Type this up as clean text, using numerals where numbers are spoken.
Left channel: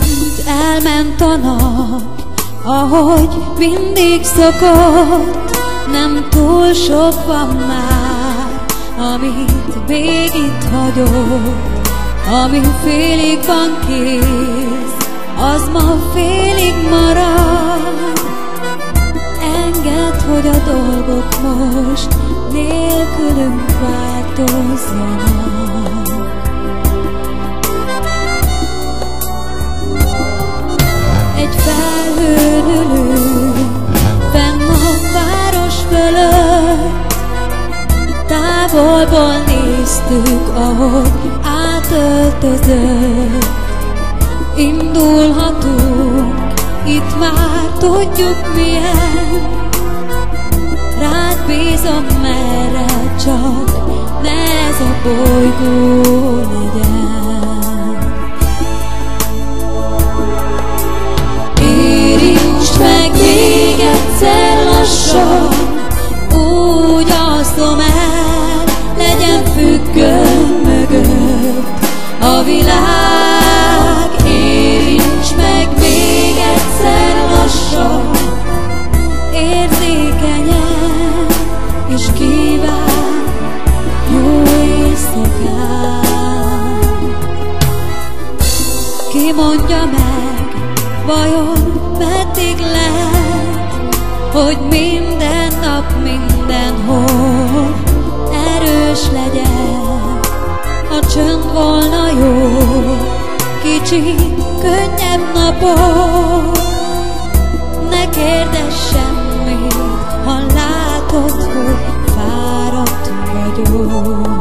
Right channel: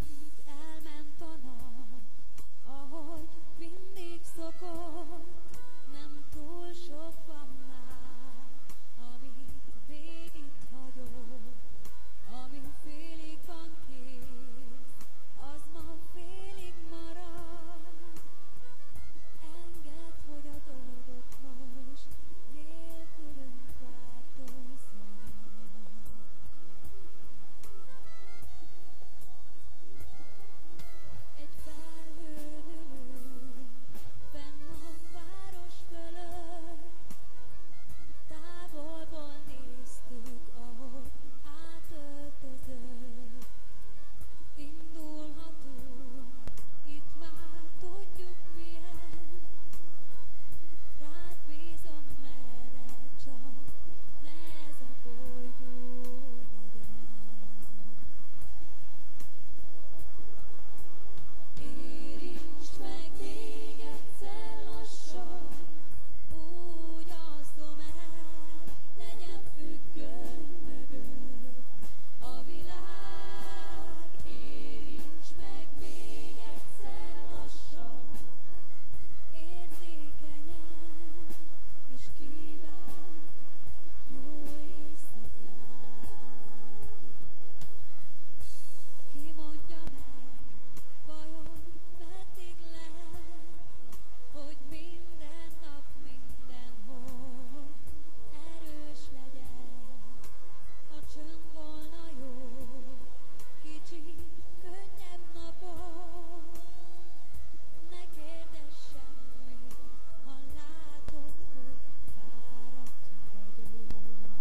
Amint elment a nap, ahogy mindig szokott, nem túl sok van már, amit még itt hagyott. Ami félig van kész, az ma félig marad. Engedd, hogy a dolgok most nélkülünk változzanak. Egy felhőn ülünk fenn a város fölött, távolból néztük, ahogy átöltözött. Indulhatunk, itt már tudjuk milyen. Rád bízom, merre csak ne ez a bolygó legyen. Érintsd meg még egyszer lassan, úgy alszom el, legyen függöny mögött a világ. Érintsd meg még egyszer lassan, érzékenyen, és kíván jó éjszakát. Ki mondja meg, vajon meddig lehet, hogy minden nap mindenhol erős legyen? Ha csönd volna jó, kicsit könnyebb napok, ne kérdezz semmit, ha látod, hogy fáradt vagyok.